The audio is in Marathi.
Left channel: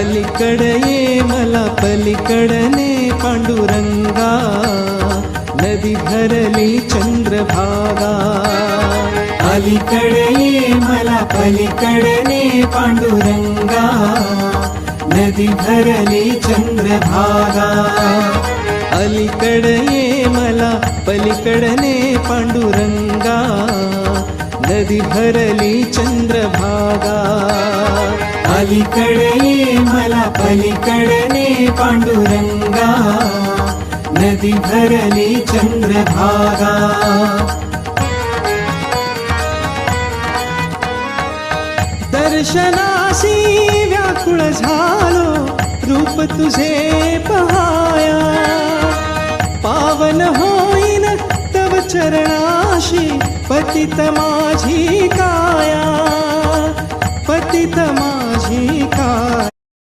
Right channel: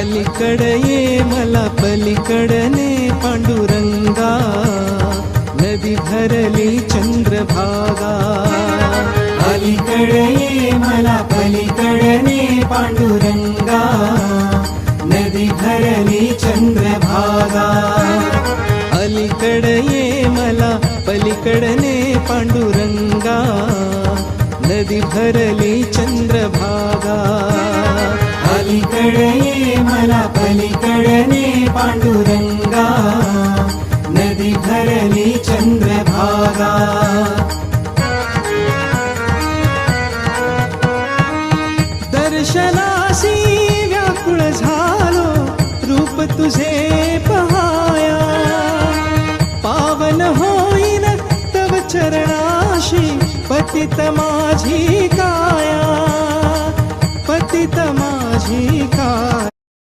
अलीकडे ये मला पलीकडने पांडुरंगा, नदी भरली चंद्रभागा. अलीकडे ये मला पलीकडे पांडुरंगा, नदी भरली चंद्रभागा. अलीकडे ये मला पलीकडने पांडुरंगा, नदी भरली चंद्रभागा. अलीकडे ये मला पलीकडे पांडुरंगा, नदी भरली चंद्रभागा. दर्शनासी व्याकुळ झालो, रूप तुझे पहाया. पावन होईन तव चरणाशी, पतित माझी काया. पतित माझी काया.